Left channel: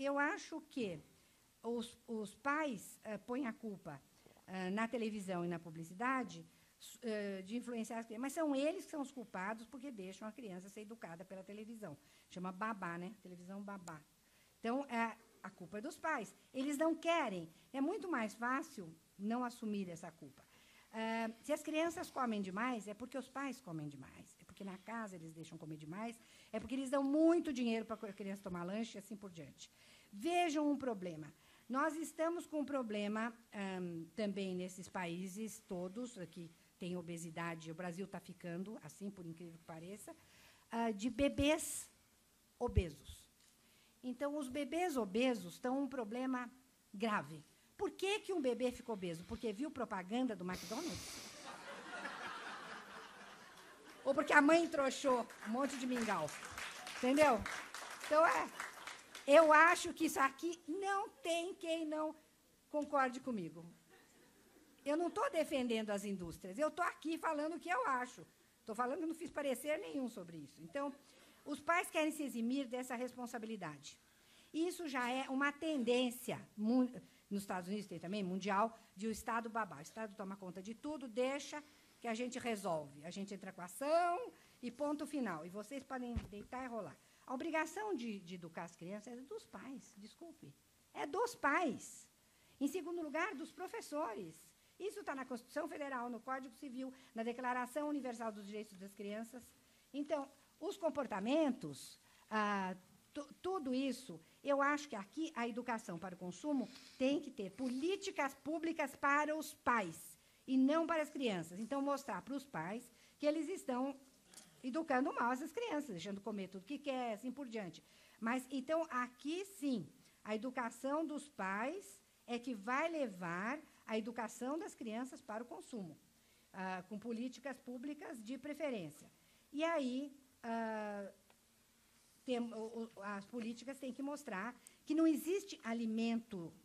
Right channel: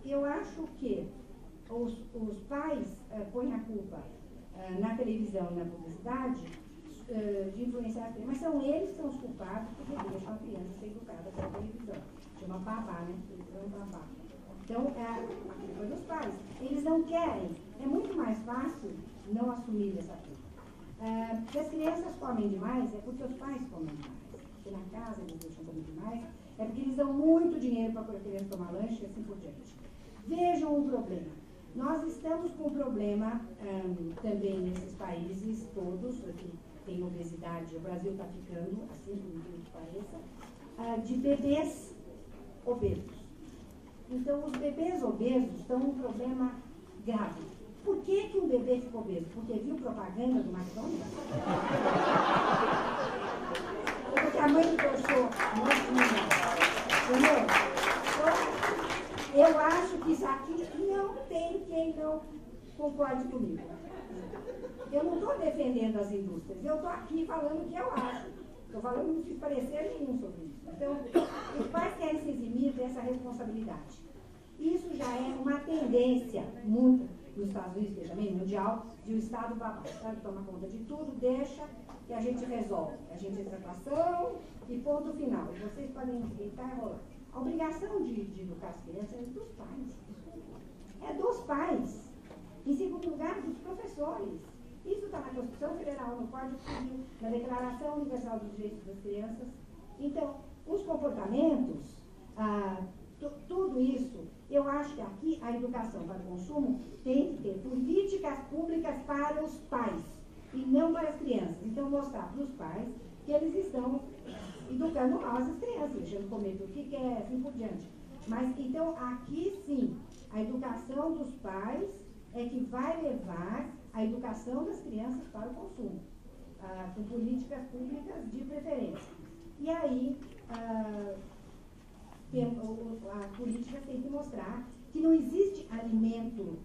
eu acho que os pais põem a culpa na televisão e na publicidade de influenciar as crianças, mas são eles que são os culpados porque deixam a criança ser educada pela televisão. Chama babá, né? Televisão babá. Então, a culpa é dos pais. Eles não querem. É muito mais fácil não assumir essa culpa. Se as crianças comem demais, é porque os pais comem demais. É porque na casa eles deixam comer demais. É porque eles dão muito dinheiro para a criança tomar lanche e assim por diante. Vejam o problema. Nós estamos com um problema também nesses países todos, que tem obesidade, o Brasil está ficando, assim como pareça, de bebês obesos. Então, os bebês obesos estão um problema grave. Por que um bebê fica obeso? Porque viu propaganda do McDonald's? Ou porque a mãe trouxou um monte de entendeu? Então, eu acho que isso aqui não tem quem não concorde comigo. Eu não estou defendendo as indústrias, eu estou aqui falando o que eu acho. Estou falando, não fiz parecer nenhum sobre isso. Então, os pais querem se eximir dessa responsabilidade. Isso já é uma tendência, muito, nos Estados Unidos e também mundial, de o Estado babá. O Estado toma conta de tudo, deixa que a gente resolve. A gente entra com ação e ponto final. E vocês podem deitar e rolar. A obrigação de educar as crianças é dos pais. É dos pais. Em segundo lugar, dos professores. Isso está na Constituição Federal, no Código Civil, na Declaração Universal dos Direitos das Crianças. Então, os comportamentos, tudo isso, eu acho que aqui a educação para o consumo tem que ter políticas públicas para os pais e não para as crianças. Então, mostrar para os pais que eles estão educando mal essas crianças, deixando comer tudo que quer, assim por diante. Mas, então, aqui sim, a educação dos pais é que vai levar a educação das crianças para o consumo, com políticas públicas de preferência. E aí, as políticas têm que mostrar que não existe alimento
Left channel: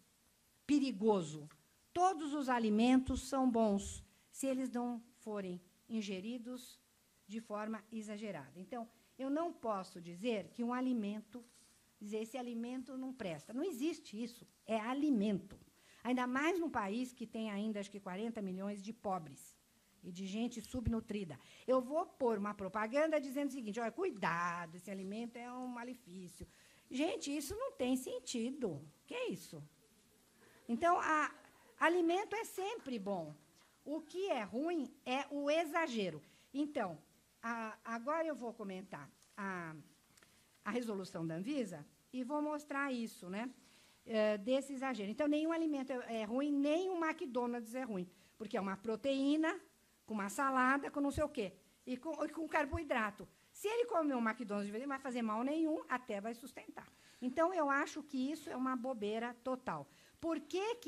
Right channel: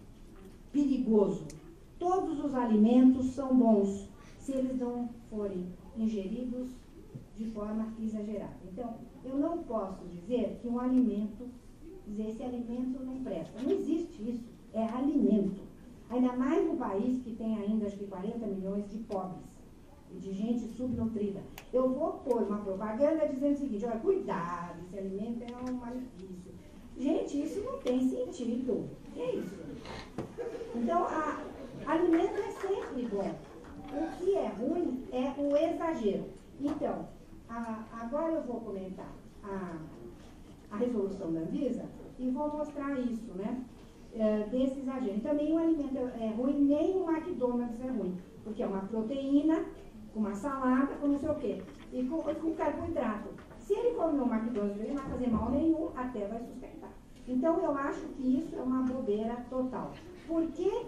perigoso. Todos os alimentos são bons, se eles não forem ingeridos de forma exagerada. Então, eu não posso dizer que um alimento, dizer esse alimento não presta. Não existe isso. É alimento. Ainda mais num país que tem ainda, acho que 40 milhões de pobres e de gente subnutrida. Eu vou pôr uma propaganda dizendo o seguinte, olha, cuidado, esse alimento é um malefício. Gente, isso não tem sentido. Que é isso? Então, alimento é sempre bom. O que é ruim é o exagero. Então, agora eu vou comentar a resolução da Anvisa e vou mostrar isso, né? Desse exagero. Então, nenhum alimento é ruim, nem o McDonald's é ruim, porque é uma proteína, com uma salada, com não sei o quê, e com carboidrato. Se ele comer um McDonald's, ele não vai fazer mal nenhum, até vai sustentar. Então, eu acho que isso é uma bobeira total. Por que isso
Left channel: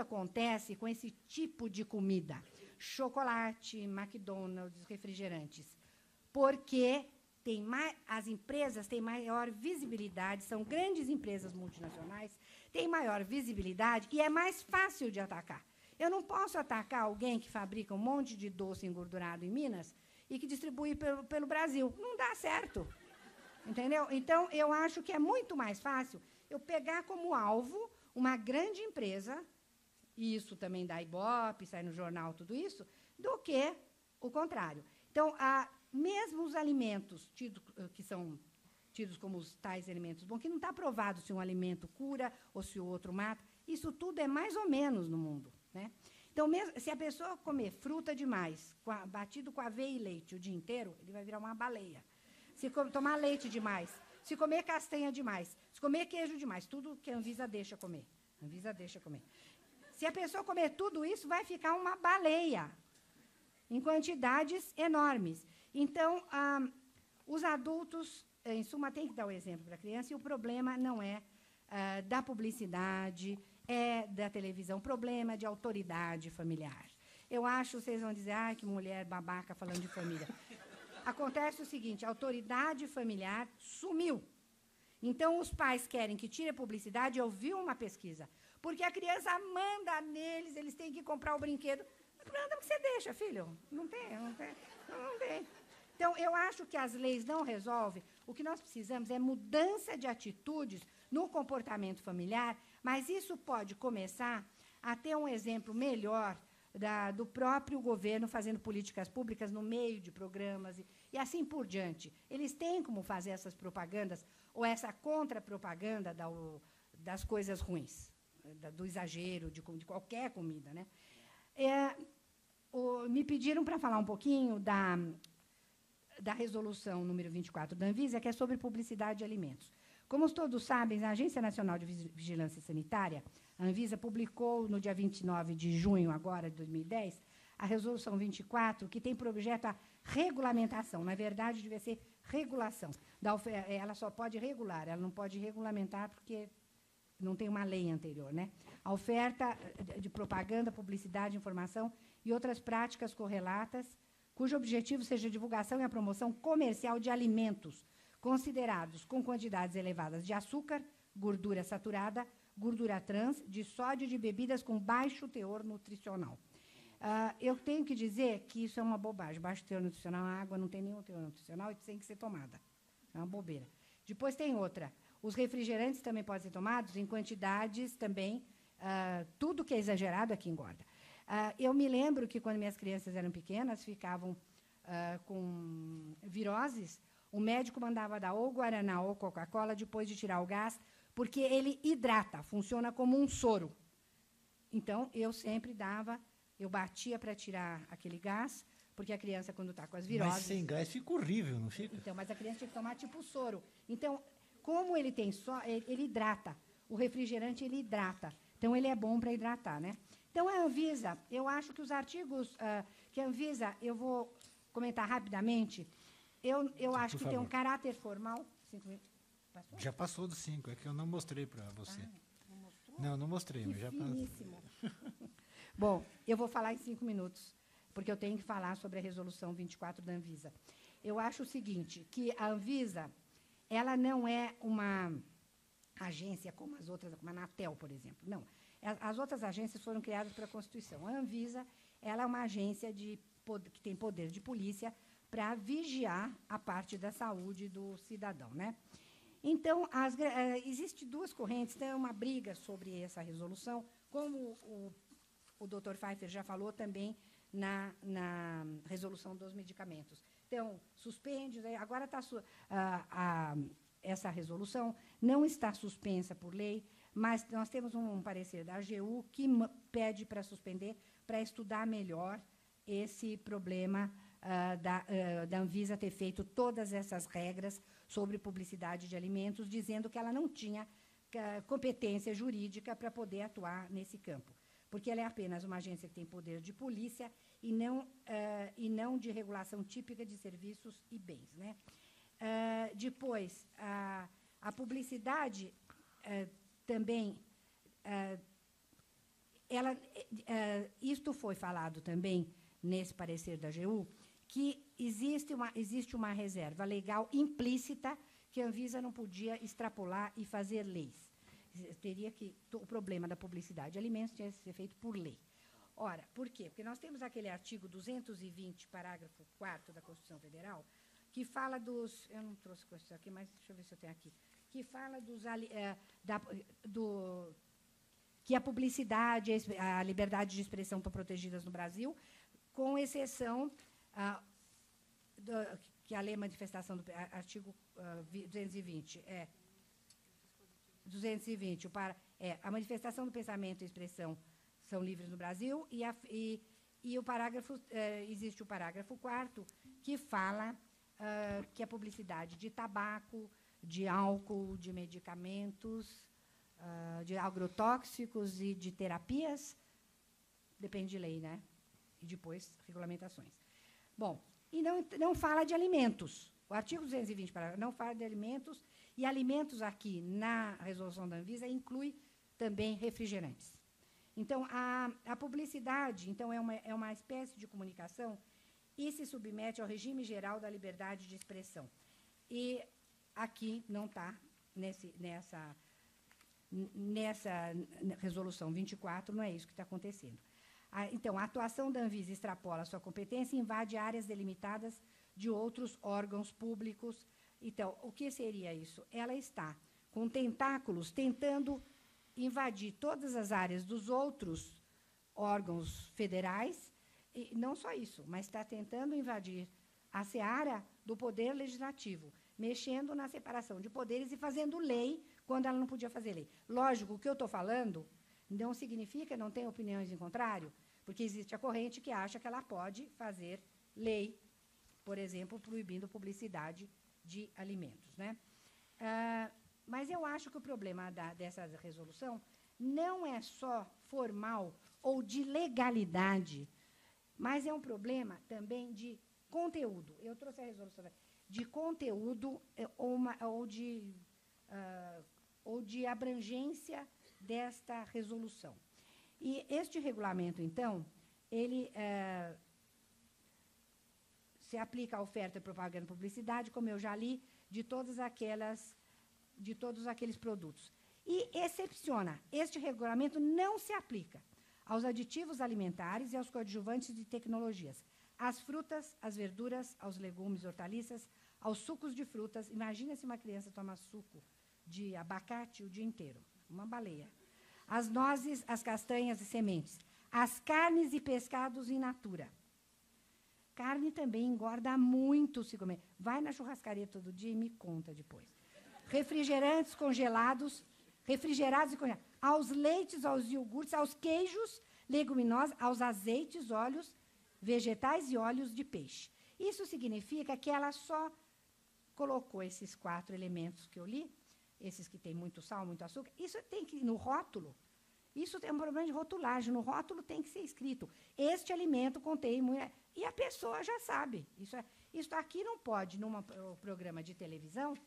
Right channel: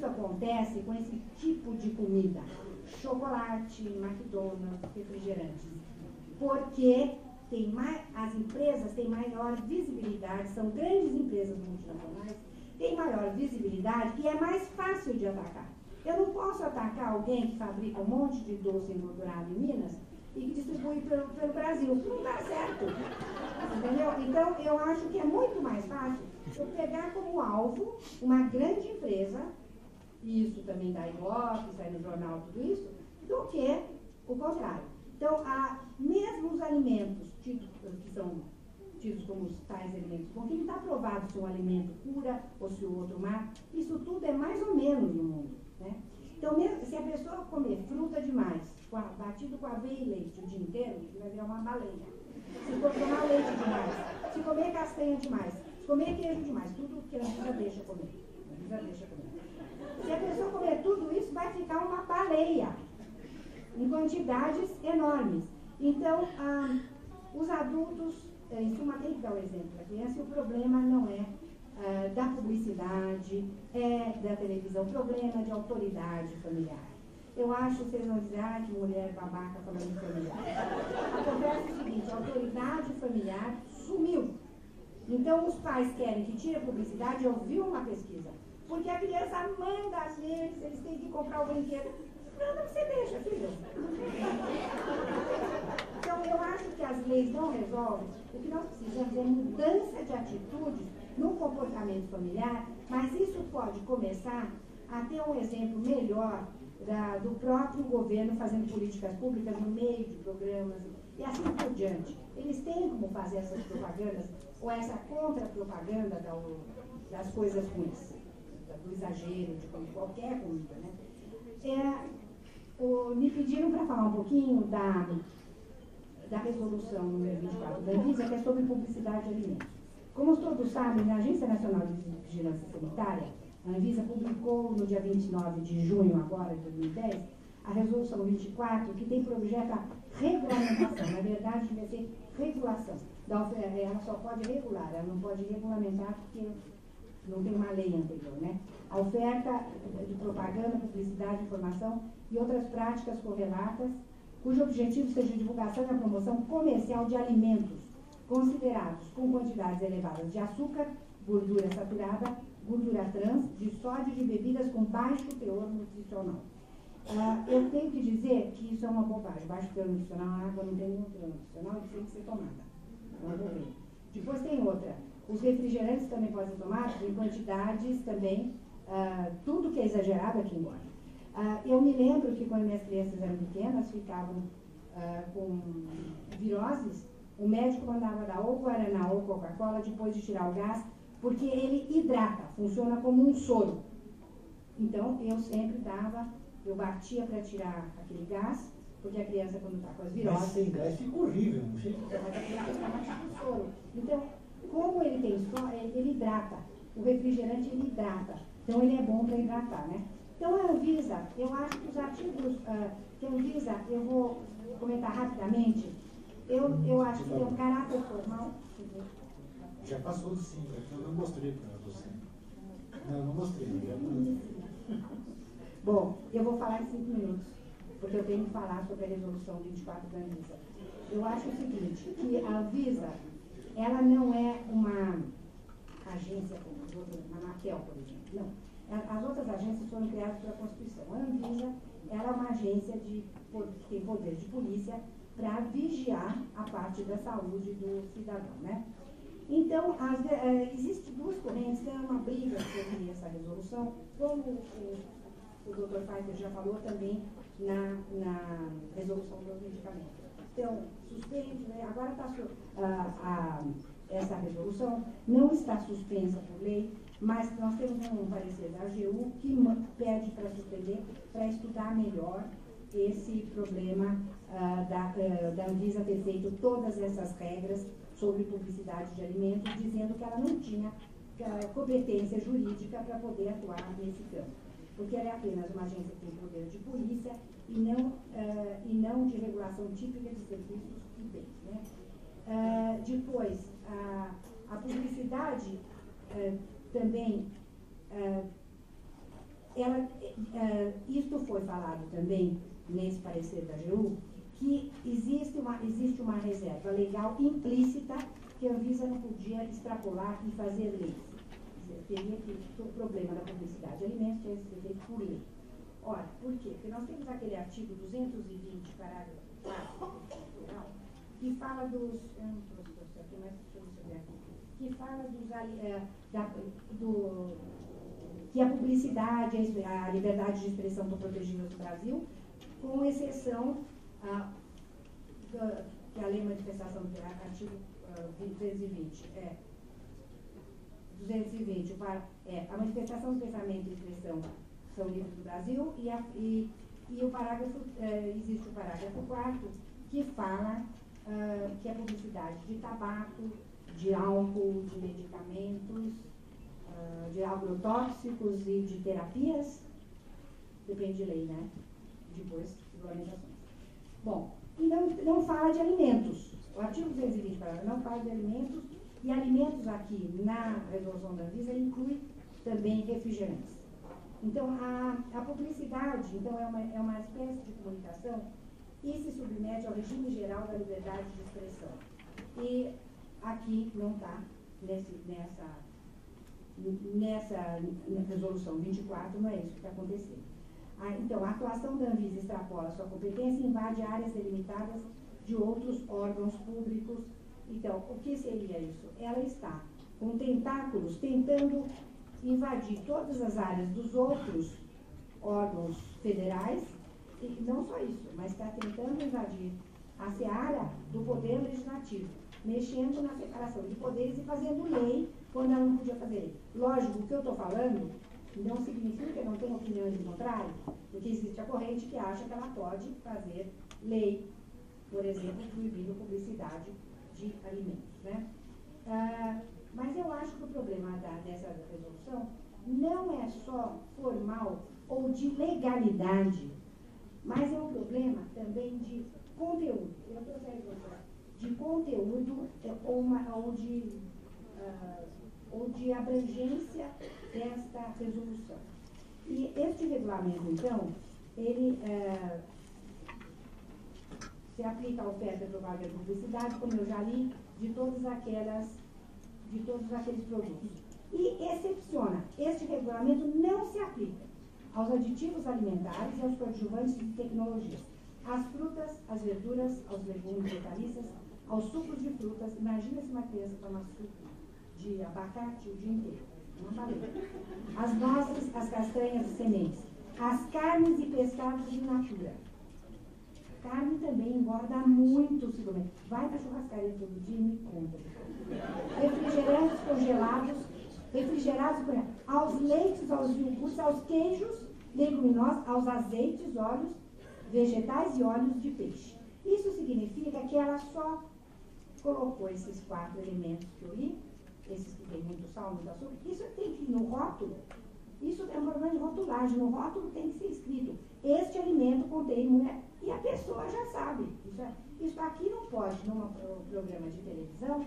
acontece com esse tipo de comida? Chocolate, McDonald's, refrigerantes. Porque as empresas têm maior visibilidade, são grandes empresas multinacionais, têm maior visibilidade e é mais fácil de atacar. Eu não posso atacar alguém que fabrica um monte de doce engordurado em Minas e que distribui pelo Brasil. Não dá certo. Entendeu? Então, eu acho que é muito mais fácil eu pegar como alvo uma grande empresa, e isso também dá Ibope, sai no jornal, tudo isso, do que o contrário. Então, mesmo os alimentos que são tidos como os tais alimentos, porque não está provado se um alimento cura ou se o outro mata, isso tudo é mais ou menos no mundo. Né? Então, mesmo se a pessoa comer fruta demais, batido com aveia e leite o dia inteiro, vai virar uma baleia. Se tomar leite demais, se comer castanha demais, se comer queijo demais, tudo que a Anvisa deixa comer. Se a pessoa comer tudo isso, vai ficar uma baleia, em quantidades enormes. Então, os adultos, em suma, tem que dar o exemplo da criança, e o problema não é da publicidade, é da televisão, o problema é de autoridade familiar. Eu acho que vocês vão dizer, que mulher babaca falando de família. Acontece o seguinte, a autoridade familiar sumiu. Então, os pais querem que tire a publicidade. Eu vi uma pesquisa, porque a criança manda neles, eles têm que comprar o brinquedo. Nada você deixa, filho. Então, eu acho que as leis não resolvem. O que nós precisamos é mudança de atitudes no comportamento familiar, mas isso pode começar a ter um exemplo melhor do próprio governo fazendo políticas públicas no meio de programas e assim por diante. Eles têm como fazer essas propagandas ou essa contra-propaganda das coisas ruins, do exagero, de qualquer coisa, né? Me pediram para falar um pouquinho da resolução número 24 da Anvisa, que é sobre publicidade de alimentos. Como todos sabem, a Agência Nacional de Vigilância Sanitária, a Anvisa publicou no dia 29 de junho agora de 2010, a resolução 24, que tem por objeto a regulamentação, na verdade deve ser regulação. Ela só pode regular, ela não pode regulamentar porque não tem uma lei anterior, né? A oferta de propaganda, publicidade, informação e outras práticas correlatas, cujo objetivo seja a divulgação e a promoção comercial de alimentos considerados com quantidades elevadas de açúcar, gordura saturada, gordura trans, de sódio e de bebidas com baixo teor nutricional. Eu tenho que dizer que isso é uma bobagem. Baixo teor nutricional, a água não tem nenhum teor nutricional e precisa ser tomada. É uma bobagem. Depois tem outra. Os refrigerantes também podem ser tomados em quantidades também, tudo que é exagerado aqui engorda. Eu me lembro que quando minhas crianças eram pequenas, ficavam com viroses, o médico mandava dar ou Guaraná ou Coca-Cola depois de tirar o gás, porque ele hidrata, funciona como um soro. Então, eu sempre dava, eu batia para tirar aquele gás, porque a criança, quando está com as viroses... Mas sem gás fica horrível, não fica? Então, mas ele é um soro. Então, como ele tem soro, ele hidrata. O refrigerante, ele hidrata. Então, ele é bom para hidratar, né? Então, a Anvisa, eu acho que os artigos que a Anvisa, eu vou comentar rapidamente, eu acho que tem um caráter formal. Já passou dos 5, é que eu não mostrei para você. Não mostrei, eu já passei. Bom, eu vou falar em 5 minutos, porque eu tenho que falar sobre a resolução 24 da Anvisa. Eu acho o seguinte, que a Anvisa, ela não é uma agência como as outras, uma Anatel, por exemplo. Não. As outras agências foram criadas pela Constituição. A Anvisa, ela é uma agência que tem poder de polícia para vigiar a parte da saúde do cidadão, né? Então, existem duas correntes, tem uma briga sobre essa resolução, como o Dr. Pfizer já falou também na resolução dos medicamentos. Então, suspende, né? Agora essa resolução não está suspensa por lei, mas nós temos um parecer da AGU que pede para suspender, para estudar melhor esse problema da Anvisa ter feito todas essas regras sobre publicidade de alimentos, dizendo que ela não tinha competência jurídica para poder atuar nesse campo, porque ela é apenas uma agência que tem poder de polícia e não de regulação típica de serviços e bens, né? Depois, a publicidade também, isto foi falado também nesse parecer da AGU, que existe uma reserva legal implícita que a Anvisa não podia extrapolar e fazer leis. Teria que o problema da publicidade de alimentos tinha que ser feito por lei. Ora, por quê? Porque nós temos aquele artigo 220, parágrafo 4 do Constituição Federal, que fala dos... Eu não trouxe coisas aqui, mas deixa eu ver se tem aqui. Que fala que a publicidade, a liberdade de expressão estão protegidas no Brasil, com exceção que a lei de manifestação do artigo 220 a manifestação do pensamento e expressão são livres no Brasil e o parágrafo, existe o parágrafo 4 que fala que a publicidade de tabaco, de álcool, de medicamentos, de agrotóxicos e de terapias, depende de lei, né? E depois, regulamentações. Bom, e não fala de alimentos. O artigo 220, parágrafo, não fala de alimentos, e alimentos aqui na resolução da Anvisa inclui também refrigerantes. Então, a publicidade, então, é uma espécie de comunicação e se submete ao regime geral da liberdade de expressão. E aqui não está nessa resolução 24, não é isso que está acontecendo. Então, a atuação da Anvisa extrapola sua competência e invade áreas delimitadas de outros órgãos públicos Então, o que seria isso? Ela está com tentáculos tentando invadir todas as áreas dos outros órgãos federais, e não só isso, mas está tentando invadir a seara do poder legislativo, mexendo na separação de poderes e fazendo lei quando ela não podia fazer lei. Lógico, o que eu estou falando não significa que não tenha opiniões em contrário, porque existe a corrente que acha que ela pode fazer lei, por exemplo, proibindo publicidade de alimentos, né? Mas eu acho que o problema dessa resolução não é só formal ou de legalidade, mas é um problema também de conteúdo. Eu trouxe a resolução de conteúdo ou de abrangência desta resolução. E este regulamento, então, ele se aplica à oferta, propaganda e publicidade, como eu já li, de todos aqueles produtos. E excepciona, este regulamento não se aplica aos aditivos alimentares e aos coadjuvantes de tecnologias, às frutas, às verduras, aos legumes, hortaliças, aos sucos de frutas. Imagina se uma criança toma suco de abacate o dia inteiro. Não falei. As noces, as castanhas e sementes, as carnes e pescados in natura. Carne também engorda muito, se comer. Vai na churrascaria todo dia e me conta. Refrigerantes congelados, aos leites, aos iogurtes, aos queijos, leguminosas, aos azeites, óleos, vegetais e óleos de peixe. Isso significa que ela só colocou esses 4 elementos que eu li, esses que tem muito sal, muito açúcar. Isso tem que ir no rótulo. Isso é uma norma de rotulagem. No rótulo tem que ser escrito: este alimento contém... E a pessoa já sabe. Isso aqui não pode, num programa de televisão,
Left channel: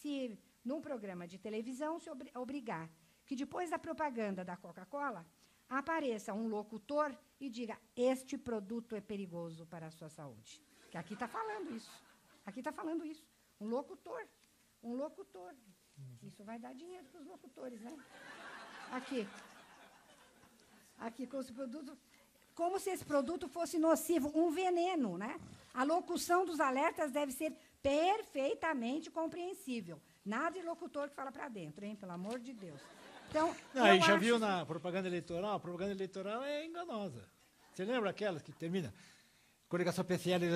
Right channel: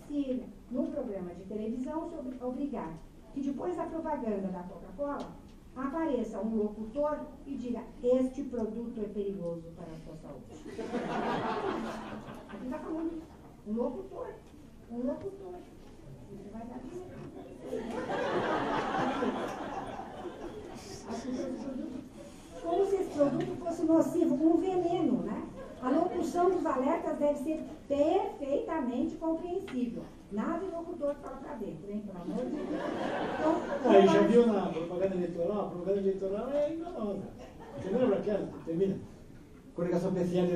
se no programa de televisão se obrigar que depois da propaganda da Coca-Cola apareça um locutor e diga: este produto é perigoso para a sua saúde. Aqui está falando isso. Um locutor. Isso vai dar dinheiro. Como se esse produto fosse nocivo, um veneno, né? A locução dos alertas deve ser perfeitamente compreensível. Nada de locutor que fala para dentro, hein? Pelo amor de Deus. Então, aí já viu na propaganda eleitoral? A propaganda eleitoral é enganosa. Você lembra aquela? Termina. Comunicação PCL.